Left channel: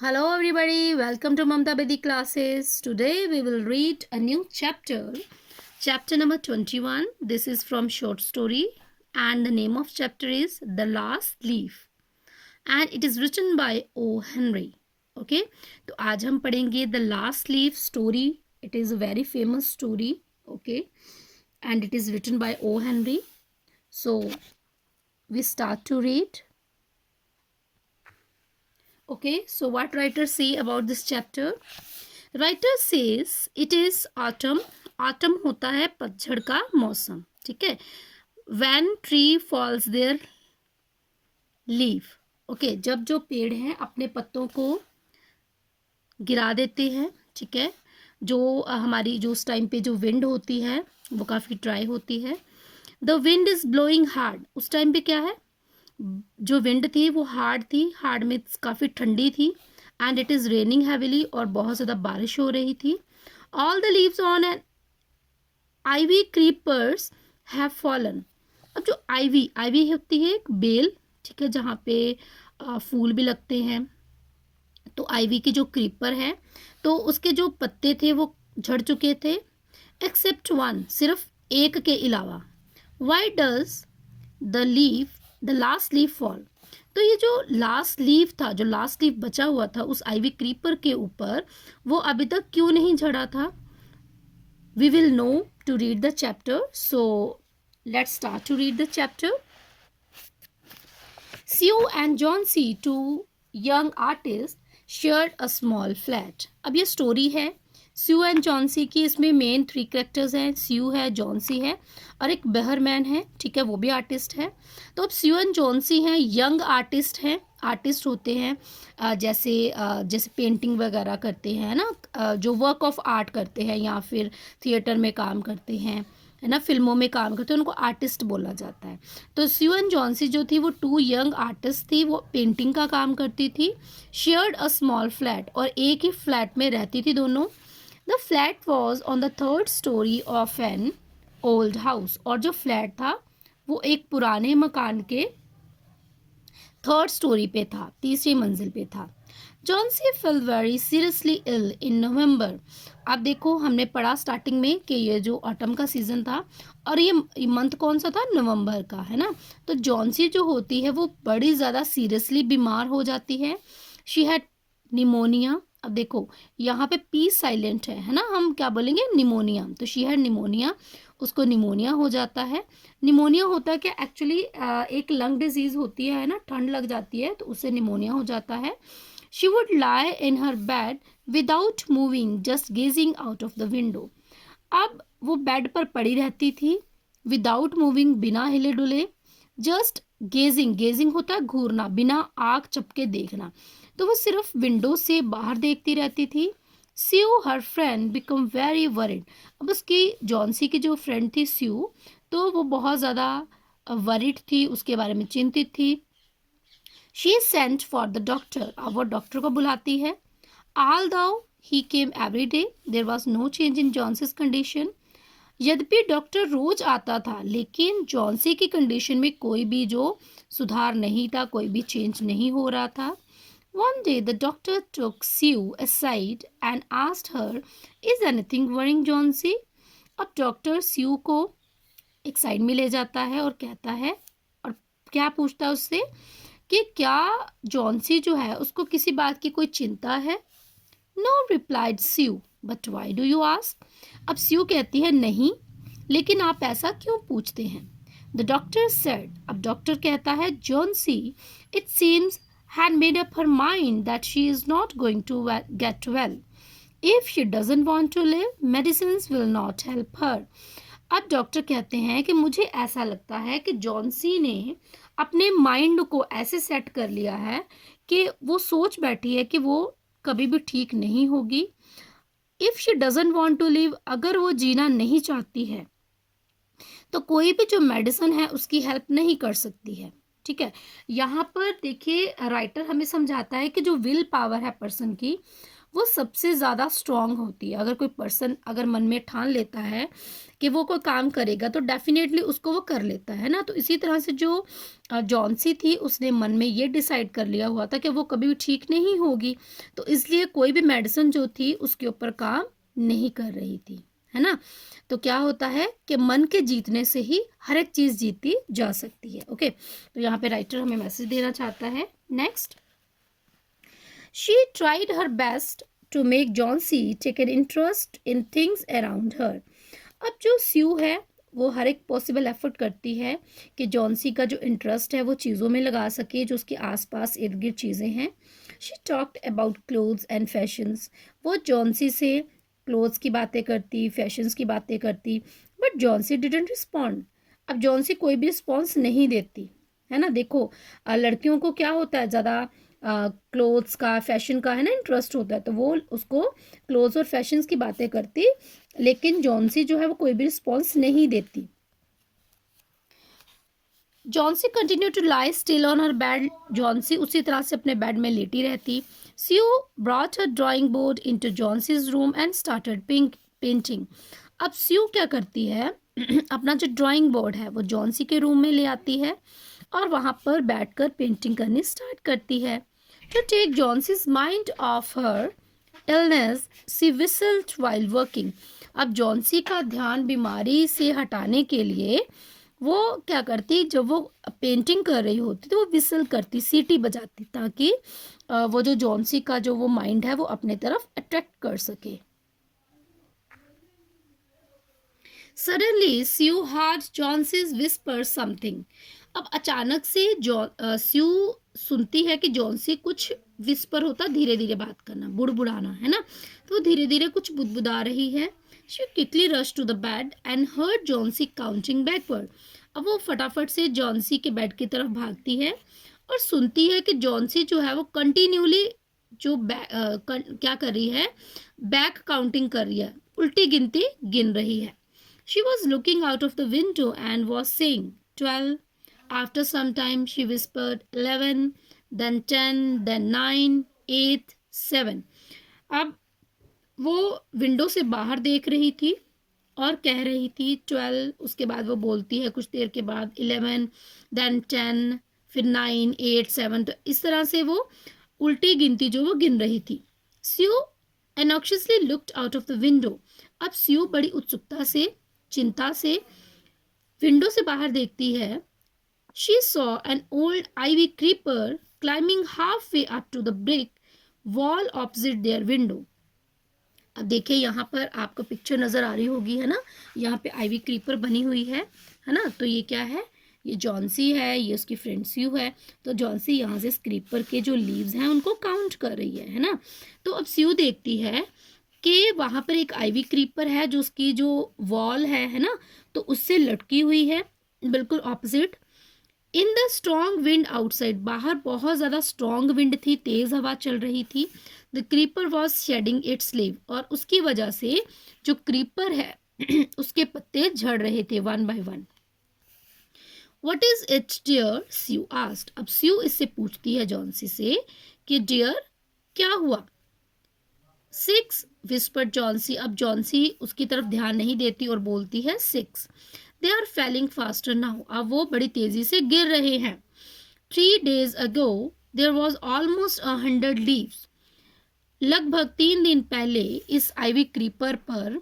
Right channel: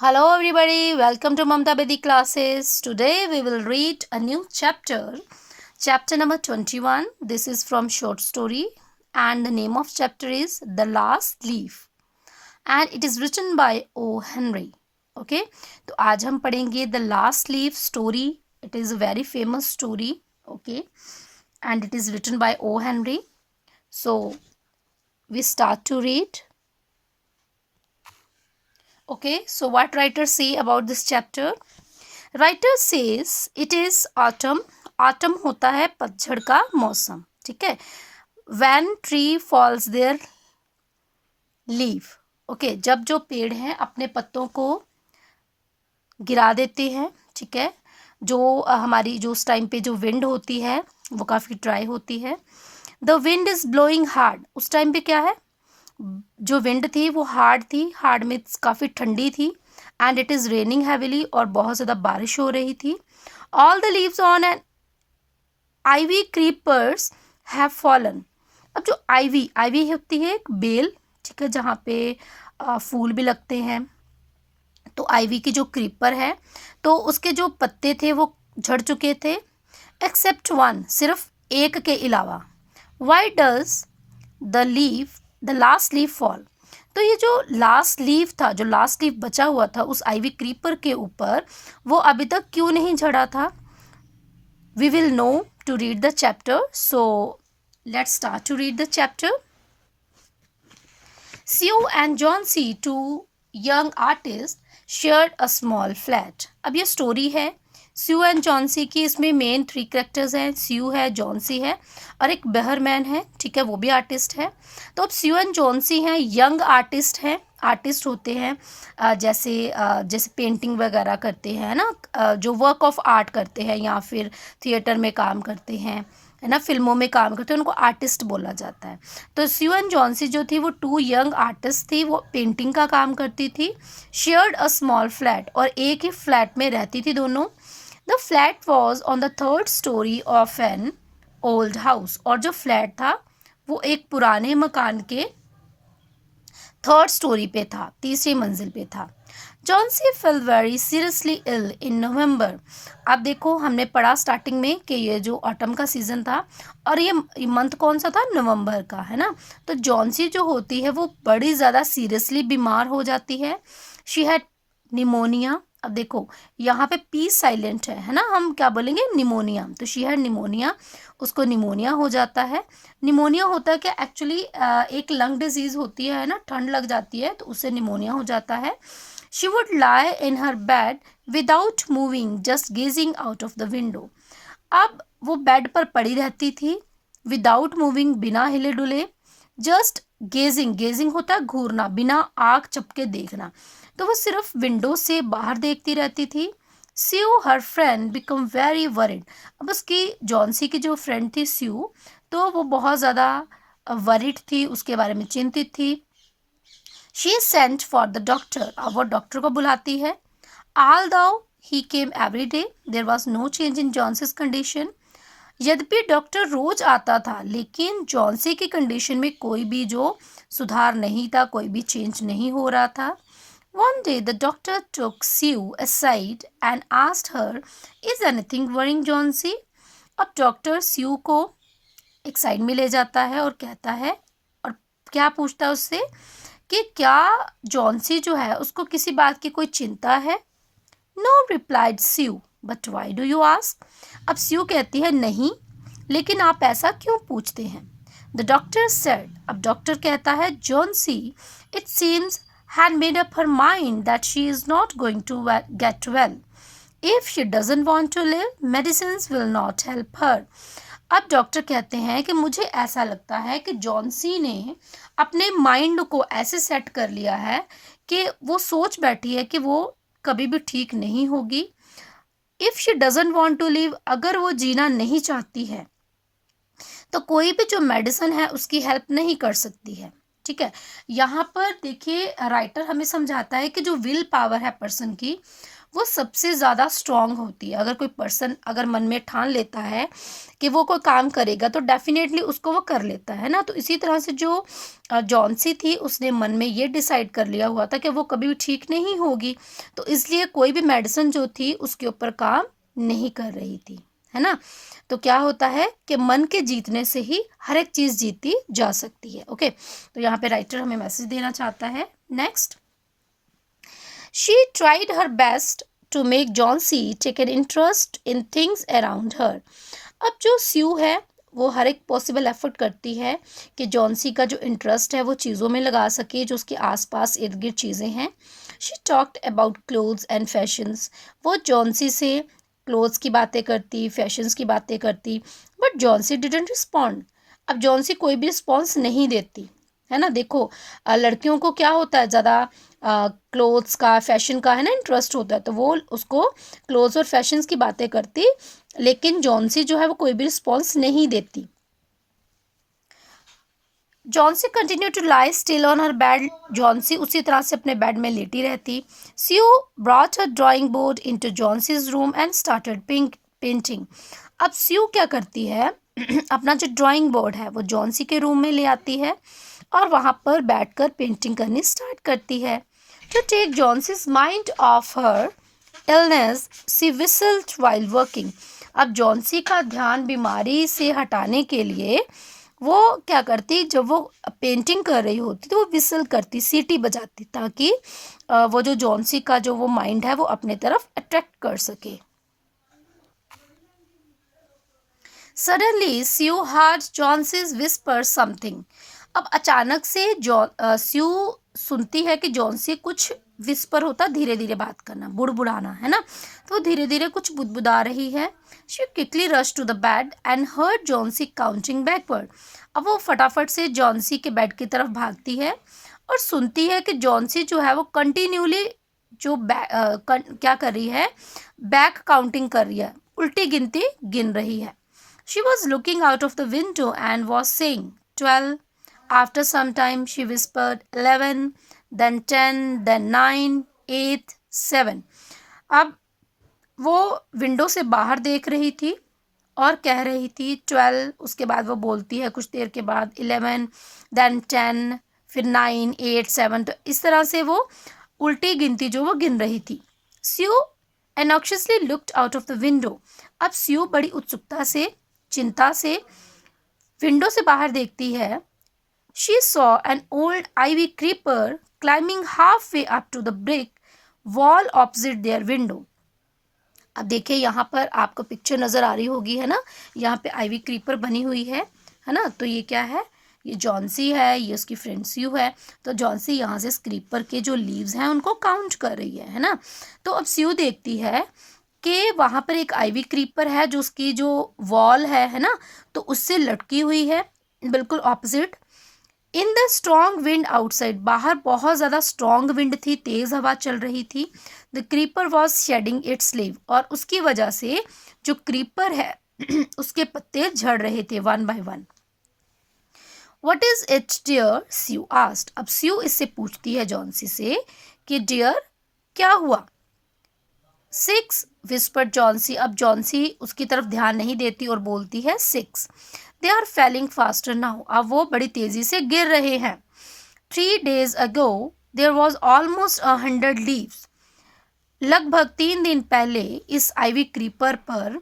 Hello everybody, welcome to Mamta Bedi classes. Today we will read a new chapter, chapter number 21. This is from short story and the name of chapter is The Last Leaf and it is written by O. Henry. Okay, तो आज हम पढ़ेंगे The Last Leaf story. It is a very famous story. Okay, and it is written by O. Henry. So we start to read. Okay, so what writer say about this chapter? Writer says it is autumn. Autumn होता है पतझड़ का मौसम. ठीक है. When tree falls their leaf. Okay, जब जो पेड़ हैं अपने पत्तों को गिरा देते हैं. ठीक है. जो हमारी जो उस टाइम पे जो विंड होती है वो काफ़ी ड्राई होती है. The wind is blowing hard. उस टाइम पे क्या है, जो विंड थी वो हार्ड थी. हार्ड मीन्स काफ़ी ठंडी थी. And it is raining heavily और बहुत ज़्यादा बारिश हो रही थी. All the leaves on an ivy creepers have fallen. अब जो आईवी होती है एक बेल. ठीक है, जहाँ पे फूल भी लगते हैं. तो आईवी की जो क्रीपर है तो उसके जो पत्ते थे वो झड़ चुके थे. एक्सेप्ट वन, सिर्फ एक के अलावा. Why does the last leaf fall. तो ये जो लास्ट लीफ था, जो लास्ट लीफ बचा हुआ था उस आईवी क्रीपर के ऊपर, वो अभी तक क्यों नहीं झड़ा था? We will know to read the chapter. So let's start to read the chapter. Sue and Johnsy, two young artists, shared a small flat. अब ये स्टोरी है स्यू एंड जॉन्सी की. इसमें मेन 3 कैरेक्टर्स हैं. स्यू है, जॉन्सी है और एक बहरमैन है. ठीक है, वो भी आर्टिस्ट है. तो अब स्यू एंड जॉन्सी हैं, यंग आर्टिस्ट हैं. आर्टिस्ट होते हैं जैसे पेंटिंग वगैरह करते हैं ना, जो वर्क ऑफ आर्ट करते हैं या फिर थिएटर में काम करते हैं, है ना, फिल्मों में काम करते हैं, उनको आर्टिस्ट बोला जाता है. तो स्यू एंड जॉन्सी जो थी वो 2 यंग आर्टिस्ट थी. वो पेंटिंग का काम करती थी. शेयर्ड अ स्मॉल फ्लैट, और एक ही फ्लैट में रहती थी दोनों. The flat was on the 3rd story of an old house. और जो फ्लैट था वो एक पुराने मकान के 3rd story पे था, 3री मंजिल पे था. Johnsy fell very seriously ill in November. अब देखो, हमने पढ़ा स्टार्टिंग में कि ये जो ऑटम का सीज़न था और ये मंथ कौन सा था, नवंबर का, है ना. तो जॉन्सी जो होती है वो बड़ी ज़्यादा सीरियसली बीमार हो जाती है. She had pneumonia. अब देखो यहाँ पे पी साइलेंट है ना, हम क्या बोलेंगे, निमोनिया. तो शी हैड निमोनिया, उसको निमोनिया हो जाता है. निमोनिया होता है क्या, एक्चुअली एक लंग डिजीज़ होती है ना, ठंड लग जाती है तो उससे निमोनिया हो जाता है. She would lie in her bed without moving, just gazing out of the window. अब वो बेड पर पड़ी रहती थी, विदाउट मूविंग, बिना हिले डुले, जस्ट गेजिंग. गेजिंग होता है घूरना, बिना आँख चपके देखना. तो वो सिर्फ विंडो से बाहर देखती रहती थी. Sue her friend become very worried. अब उसकी जॉन्सी की जो फ्रेंड थी स्यू, तो वो बहुत ज़्यादा वरिड थी, उसके बारे में चिंतित थी. She sent for the doctor. अब वो डॉक्टर को बुलाती है. Although he came every day, there was no change in Johnsy's condition. यद्यपि डॉक्टर रोज आता था लेकिन जॉन्सी की कंडीशन में कोई भी जो सुधार नहीं था, कोई भी चेंज नहीं हो रहा था. One day the doctor took Sue aside and asked her, is anything worrying Johnsy. अब डॉक्टर स्यू को एक साइड में ले जाता है और कहता है, और क्या पूछता है उससे कि क्या जॉन्सी जो है उसको किसी बात की कोई चिंता है. No replied Sue, but why do you ask. अब स्यू कहती है नहीं, लेकिन आप ऐसा क्यों पूछते हैं. The doctor said. अब डॉक्टर कहता है, Johnsy it seems had made up her mind that she is not going to get well. If she doesn't want to live, medicines will not help her. अब doctor कहते हैं कि मुझे ऐसा लगता है कि जॉन्सी ने अपने माइंड को ऐसे सेट कर लिया है कि वो सोच बैठी है कि वो कभी भी ठीक नहीं होगी. If she doesn't want to live, अगर वो जीना नहीं चाहती है तो कोई भी जो मेडिसिन है उसकी हेल्प नहीं कर सकती है. ठीक है, यहाँ पर देखिए राइटर हमें समझाता है कि जो विल पावर है पर्सन की, वो सबसे ज़्यादा स्ट्रांग होती है। अगर कोई पर्सन अगर मन में ठान लेता है कि वो कोई काम करेगा तो डेफिनेटली उसको वो कर लेता है ना। तो इसी तरह से जो जॉन्सी थी उसने मन में ये डिसाइड कर लिया हुआ था कि वो कभी भी ठीक नहीं होगी, तो इसलिए कोई भी मेडिसिन जो थी उसके ऊपर काम नहीं कर रही थी, है ना। तो क्या होता है कि मन के जीतने से ही हर एक चीज़ जीती जा सकती है। ओके, तो यहाँ पे राइटर हमें मैसेज देना चाहता है। Next, she tried her best to make Johnsy take an interest in things around her. अब जो स्यू है वो हर एक पॉसिबल एफर्ट करती है कि जॉन्सी का जो इंटरेस्ट है वो चीज़ों में लगा सके जो उसके आसपास इर्द गिर्द चीज़ें हैं। She talked about clothes and fashions. वो जॉन्सी से क्लोथ्स की बातें करती, फैशंस की बातें करती, बट जॉन्सी डिडंट रिस्पॉन्ड। अब जॉन्सी कोई भी रिस्पॉन्स नहीं देती, है ना। देखो लड़कियों को क्या होता है, ज़्यादा क्लोथ्स का, फैशन का, है ना, इंटरेस्ट होता है, तो वो उसको क्लोथ्स और फैशंस की बातें करती, लेकिन जॉन्सी जो है वो कोई भी रिस्पॉन्स नहीं देती। Johnsy continue to lie still on her bed. Johnsy उसी तरह से अपने बेड में लेटी रहती। Sue brought her drawing board into Johnsy's room and started painting. अब स्यू क्या करती है अपना जो ड्राइंग बोर्ड है वो जॉन्सी के रूम में ले आती है और वहाँ पर बैठकर पेंटिंग करनी स्टार्ट करती है। To take Johnsy's mind off her illness she whistled while working. अब जॉन्सी का ध्यान बीमारी से हटाने के लिए वो क्या करती, जब वो पेंटिंग कर रही होती तो वो विसल करती, सीटी बजाती, ताकि वो जो जॉन्सी का जो वो माइंड है वो अपने तरफ अट्रैक्ट कर सके। सडनली स्यू हर्ड जॉन्सीज विस्पर समथिंग। अब अचानक से स्यू सुनती है कि जॉन्सी कुछ विस्पर होता, धीरे धीरे बात करना, बुड़बुड़ाना, है ना। तो धीरे धीरे कुछ बुदबुदा रही है। She quickly rush to the bed and heard Johnsy counting backward. अब वो फटाफट से जॉन्सी के बेड की तरफ भागती है और सुनती है कि जॉन्सी जो है वो कंटिन्यूली जो क्या कर रही है, बैक काउंटिंग कर रही है, उल्टी गिनती गिन रही है। She was looking out of the window and was saying 12. After some time, she whispered 11, then 10, then 9, 8, 7. अब वो विंडो से बाहर देख रही थी और कह रही थी 12, उसके बाद वो बोलती है कुछ देर के बाद 11, then 10, फिर 9, 8, 7। तो इस तरह से वो उल्टी गिनती जो वो गिन रही थी। स्यू anxiously looked out of the window. अब स्यू बड़ी उत्सुकता से, चिंता से विंडो से बाहर देखती है। She saw an old ivy creeper climbing halfway up to the brick wall opposite their window. अब देखिए यहाँ पर आपको पिक्चर नज़र आ रही होगी, है ना। यहाँ पे आइवी क्रीपर बनी हुई है ना। तो ये क्या है, ये जॉन्सी है, ये उसकी फ्रेंड स्यू है। तो जॉन्सी यहाँ से क्रीपर के जो लीव्स हैं उनको काउंट कर रही है ना। तो अब स्यू देखती है कि वहाँ पर एक आइवी क्रीपर है जो उसकी जो वॉल है ना, तो उससे लटकी हुई है बिल्कुल opposite. In the strong wind outside, बाहर बहुत ज़्यादा स्ट्रॉन्ग विंड थी, तेज़ हवा चल रही थी। The creeper was shedding its leave, और उसकी वजह से जो क्रीपर है उसके पत्ते झड़ रहे थे one by one. What is it dear, Sue asked. अब स्यू इससे पूछती है जॉन्सी से कि डियर क्या हुआ। 6, विस्पर्ड जॉन्सी। अब जॉन्सी उसकी तरफ ध्यान नहीं देती और बोलती है 6। They are falling faster now, अब वो बड़ी तेजी से गिर रहे हैं। 3 days ago there was almost 100 leaves. लगभग 3 दिन पहले इस आइवी क्रीपर पर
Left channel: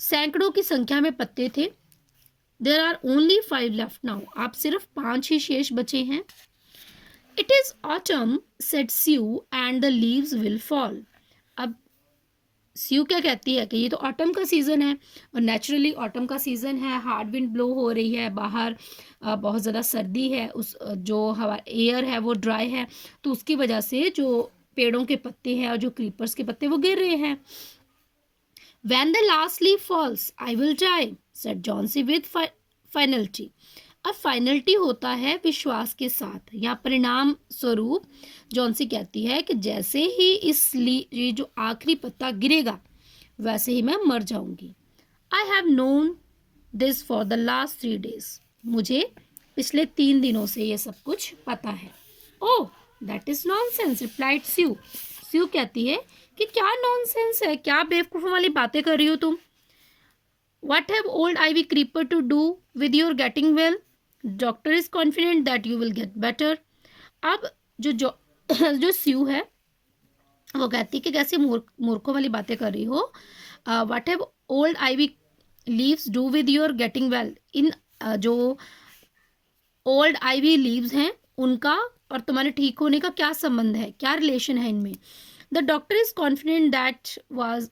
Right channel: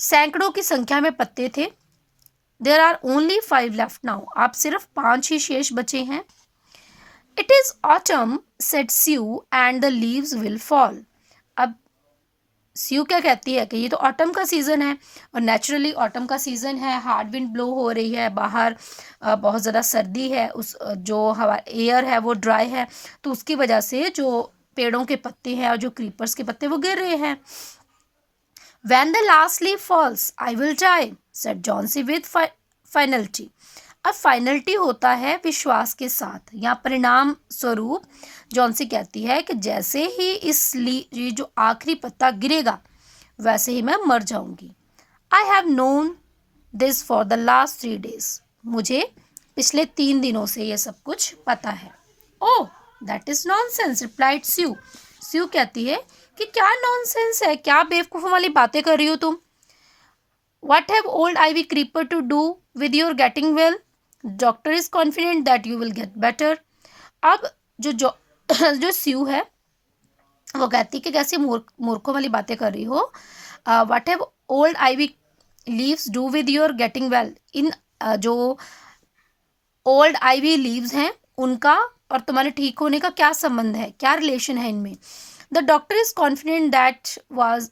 सैकड़ों की संख्या में पत्ते थे। There are only 5 left now, अब सिर्फ 5 ही शेष बचे हैं। It is autumn, said Sue, and the leaves will fall. अब स्यू क्या कहती है कि ये तो ऑटम का सीज़न है और नेचुरली ऑटम का सीज़न है, हार्ड विंड ब्लो हो रही है, बाहर बहुत ज़्यादा सर्दी है, उस जो हवा एयर है वो ड्राई है, तो उसकी वजह से जो पेड़ों के पत्ते हैं और जो क्रीपर्स के पत्ते वो गिर रहे हैं। When the last leaf falls, I will die, said Johnsy with finality. अब फाइनलिटी होता है विश्वास के साथ, या परिणाम स्वरूप जॉन्सी कहती है कि जैसे ही ये जो आखिरी पत्ता गिरेगा वैसे ही मैं मर जाऊंगी। I have known this for the last 3 days, मुझे पिछले 3 दिनों से ये सब कुछ पता है। Oh that is nonsense, replied Sue. Sue कहती है कि क्या नॉनसेंस है, क्या बेवकूफ़ों वाली बातें कर रही हो तुम. What have old ivy creeper to do with your getting well? Doctor is confident that you will get better. अब जो जो स्यू है वो कहती कि कैसे मूर्खों वाली बातें कर रही हो. What have old ivy leaves do with your getting well. इन जो ओल्ड आईवी लीव्स हैं उनका और तुम्हारे ठीक होने का क्या संबंध है, क्या रिलेशन है इनमें. The doctor is confident that was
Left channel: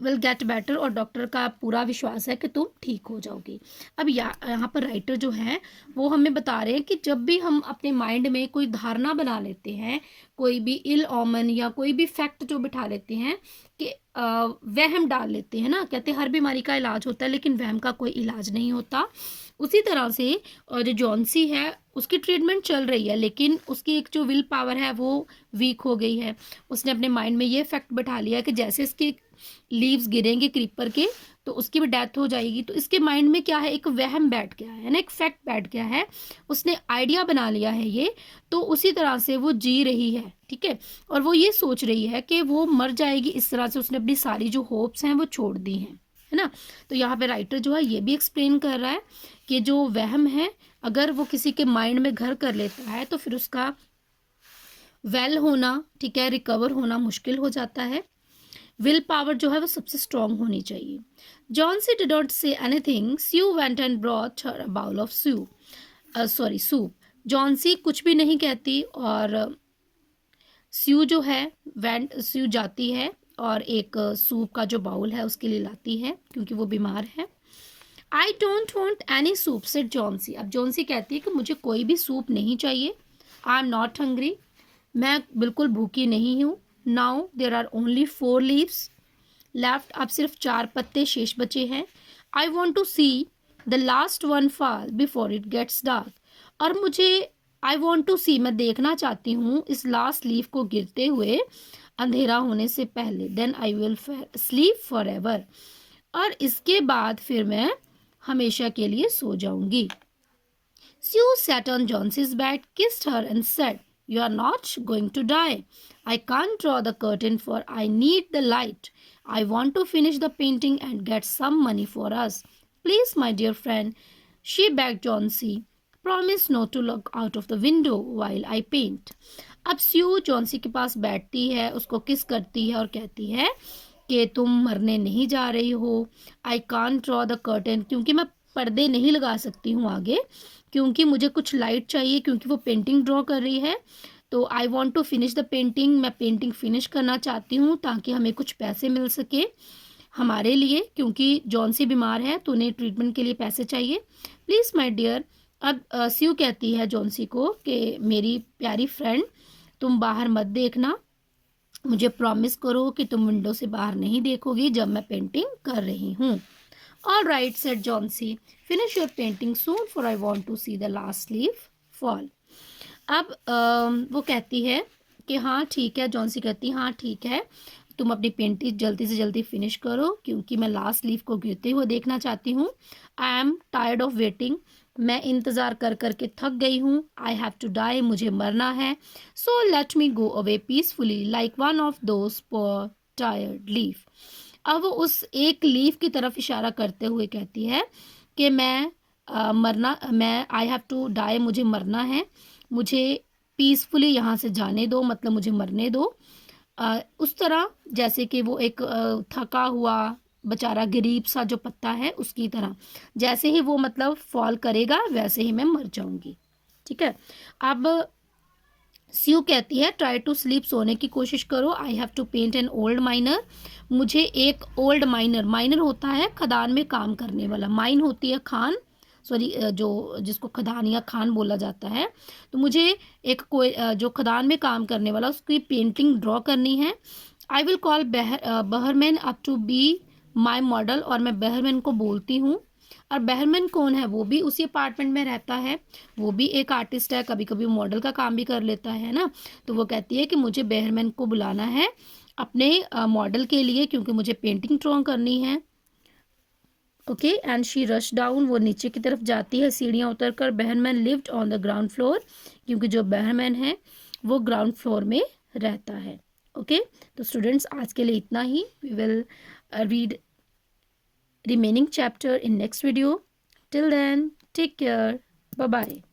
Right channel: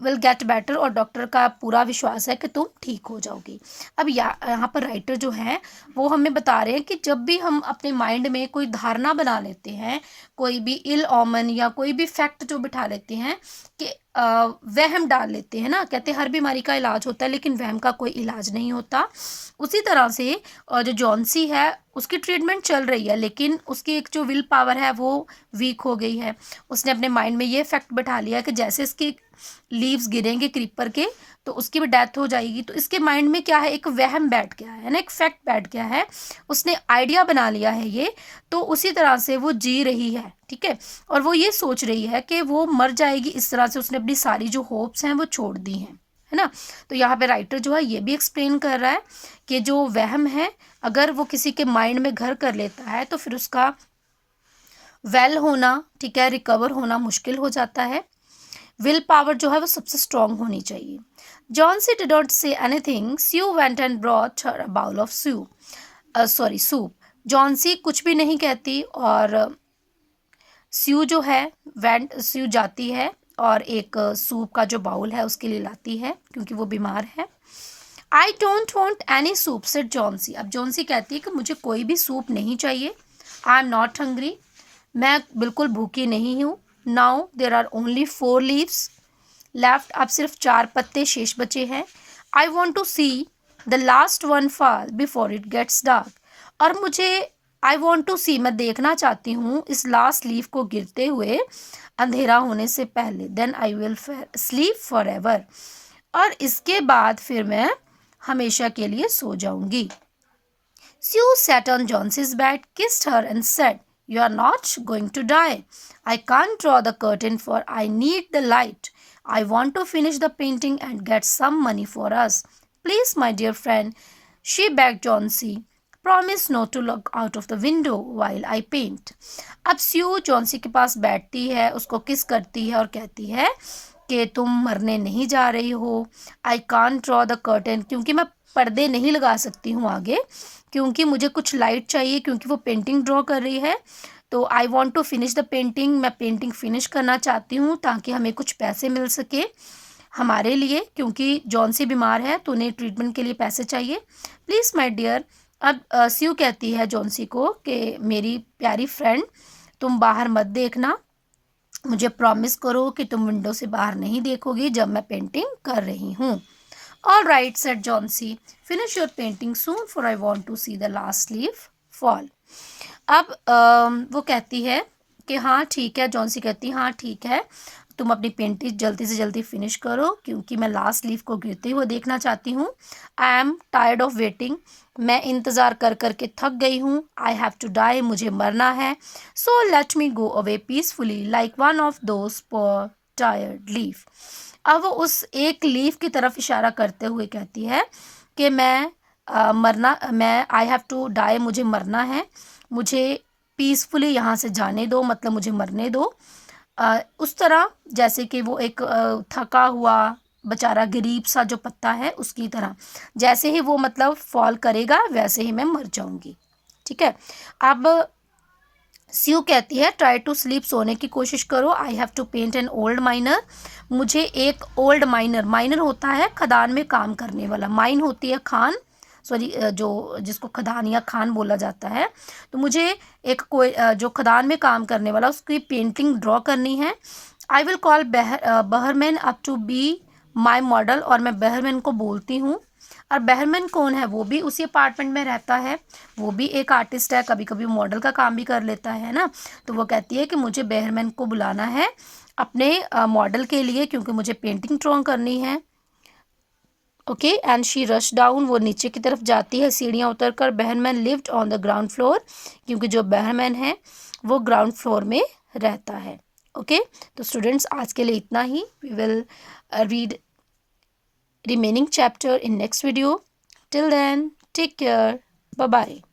will get better. और डॉक्टर का पूरा विश्वास है कि तुम ठीक हो जाओगी. अब यहाँ पर राइटर जो है वो हमें बता रहे हैं कि जब भी हम अपने माइंड में कोई धारणा बना लेते हैं, कोई भी इल ओमन या कोई भी फैक्ट जो बिठा लेते हैं कि वहम डाल लेते हैं ना, कहते हैं हर बीमारी का इलाज होता है लेकिन वहम का कोई इलाज नहीं होता. उसी तरह से जो जॉन्सी है उसकी ट्रीटमेंट चल रही है लेकिन उसकी एक जो विल पावर है वो वीक हो गई है. उसने अपने माइंड में ये फैक्ट बिठा लिया कि जैसे इसके लीव्स गिरेंगे क्रीपर के तो उसकी भी डेथ हो जाएगी. तो इसके माइंड में क्या है, एक वहम बैठ गया है ना, एक फैक्ट बैठ गया है, उसने आइडिया बना लिया है ये. तो उसी तरह से वो जी रही है, ठीक है. और वो ये सोच रही है कि वो मर जाएगी. इस तरह से उसने अपनी सारी जो होप्स हैं वो छोड़ दी हैं, है ना. तो यहाँ पे राइटर जो है ये भी एक्सप्लेन कर रहा है कि जो वहम है अगर वो किसी के माइंड में घर कर लेता है तो फिर उसका वेल होना, ठीक है, रिकवर होना मुश्किल हो जाता है. विल पावर जो है वो सबसे स्ट्रांग होनी चाहिए. Johnsy did not say anything. Sue went and brought her a bowl of soup. Johnsy कुछ भी नहीं कहती और स्यू जो है स्यू जाती है और एक सूप का जो बाउल है उसके लिए लाती है क्योंकि वो बीमार है. I don't want any soup said Johnsy. अब जॉन्सी कहती है कि मुझे कोई भी सूप नहीं चाहिए. I am not hungry. मैं बिल्कुल भूखी नहीं हूँ. Now there are only 4 leaves left. अब सिर्फ 4 पत्ते शेष बचे हैं. I want to see the last one fall before it gets dark. और मुझे आई वॉन्ट टू सी, मैं देखना चाहती हूँ इस लास्ट लीफ को गिरते हुए अंधेरा होने से पहले. Then I will sleep forever. और इसके बाद फिर मैं हमेशा के लिए सो जाऊंगी. स्यू sat on Johnson's bed, kissed her and said, "You are not going to die. I can't draw the curtain for I need the light. I want to finish the painting and get some money for us. Please, my dear friend," she begged Johnsy, "promise not to look out of the window while I paint." अब स्यू Johnsy के पास बैठती है, उसको किस करती है और कहती है कि तुम मरने नहीं जा रही हो. I can't draw the curtain, क्योंकि मैं पर्दे नहीं लगा सकती हूँ आगे, क्योंकि मुझे कुछ लाइट चाहिए, क्योंकि वो पेंटिंग ड्रॉ कर रही है. तो I want to finish the painting, मैं पेंटिंग फिनिश करना चाहती हूँ ताकि हमें कुछ पैसे मिल सके हमारे लिए, क्योंकि जॉन्सी बीमार है तो उन्हें ट्रीटमेंट के लिए पैसे चाहिए. Please my dear. अब स्यू कहती है जॉन्सी को कि मेरी प्यारी फ्रेंड तुम बाहर मत देखना, मुझे प्रॉमिस करो कि तुम विंडो से बाहर नहीं देखोगी जब मैं पेंटिंग कर रही हूँ. All right said Johnsy, finish your painting soon for I want to see the last leaf fall. अब वो कहती है कि हाँ ठीक है. जॉन्सी कहती है हाँ ठीक है, तुम अपनी पेंटिंग जल्दी से जल्दी फिनिश करो क्योंकि मैं लास्ट लीफ को गिरते हुए देखना चाहती हूँ. I am tired of waiting, मैं इंतज़ार कर कर के थक गई हूँ. आई हैव टू डाई, मुझे मरना है. So let me go away peacefully like one of those poor tired leaf. अब वो उस एक लीफ की तरफ इशारा करते हुए कहती है कि मैं आई हैव टू डाई, मुझे मरना है, मुझे पीसफुली यहाँ से जाने दो, मतलब मुझे मरने दो. उस तरह जैसे कि वो एक थका हुआ बेचारा गरीब सा जो पत्ता है उसकी तरह, जैसे ही वो मतलब फॉल करेगा वैसे ही मैं मर जाऊंगी. ठीक है. अब स्यू कहती है ट्राई टू स्लीप, सोने की कोशिश करो. I have to paint an old miner, मुझे एक ओल्ड माइनर होता है खदान में काम करने वाला, माइन होती है खान, सॉरी जो जिसको खदान या खान बोला जाता है. तो मुझे एक कोई जो खदान में काम करने वाला उसकी पेंटिंग ड्रॉ करनी है. I will call Behrman up to be my model, और मैं बहरमैन को बोलती हूँ. और बहरमैन कौन है, वो भी उसी अपार्टमेंट में रहता है, वो भी एक आर्टिस्ट है, कभी कभी मॉडल का काम भी कर लेता है ना. तो वो कहती है कि मुझे बहरमैन को बुलाना है अपने मॉडल के लिए क्योंकि मुझे पेंटिंग ड्रॉ करनी है. Okay. And she rush down, वो नीचे की तरफ जाती है सीढ़ियाँ उतर कर. Behrman lived on the ground floor, क्योंकि जो बहरमैन है वो ग्राउंड फ्लोर में रहता है. ओके तो स्टूडेंट्स आज के लिए इतना ही. We will read remaining chapter in next video. Till then, take care. Bye bye.